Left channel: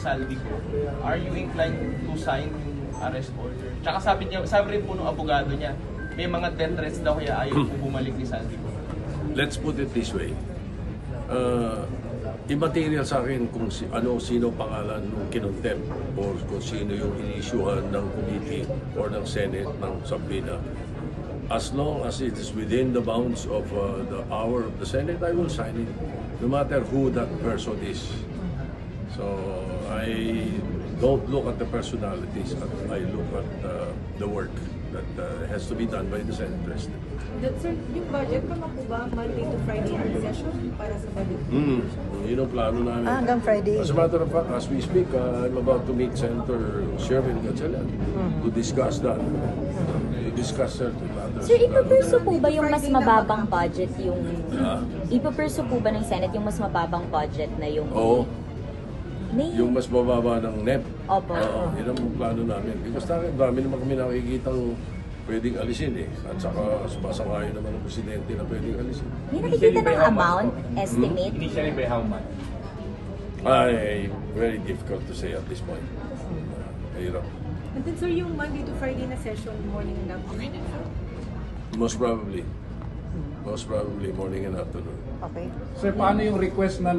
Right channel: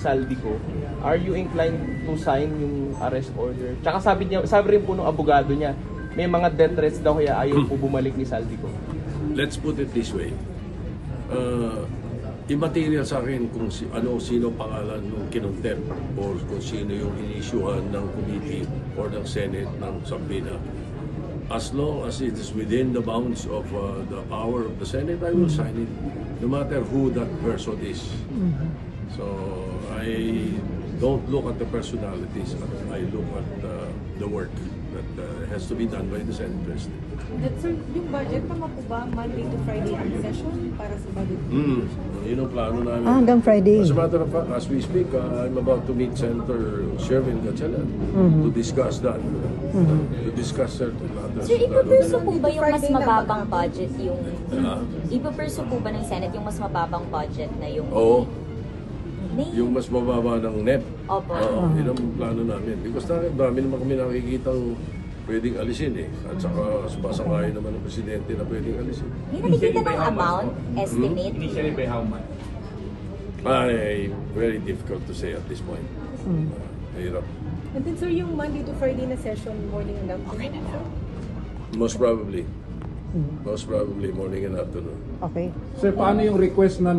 Saldico, are you inclined to sign yung arrest order? Tsaka sabi rin po ng abogado niya, may mga death threats daw kaya ayaw po bumalik ni Saldico. Let's put it this way. Immaterial sa akin kung sino pangalan nung kinontempt or kung sino yung inisyuhan ng committee or ng Senate ng subpoena. As long as it is within the bounds of the power of the Senate, I will sign it, no matter who that person is. So I don't look at the personalities, I look at the work that has to be done by the Senate President. Sir, yung budget pa po ba Monday to Friday ang session para sa budget? Yun ang plano namin. Hanggang Friday. As a matter of fact, as we speak, I'm about to meet Senator Sherwin Gatchalian to discuss that. To discuss certain matters. Sir, ipapursue po ba yung mas mababang budget yung... Ipapursue po ba ng Senate yung mas mababang budget na yung... Oo. Yung mas mababa ng NEP. Opo. Oo, yun ang plano namin. Because dami naman kami nakikitang pwedeng alisin eh. At saka sumasangkayo naman ng presidente na pwedeng alisin. Hindi nakikita ng amount, estimate? Initially by how much? Very difficult to say at this point. Hirap. And then sir, yung Monday to Friday na session, morning and afternoon, sir? Most probably. Most probably morning and afternoon. Okay. Sir, paano yung request na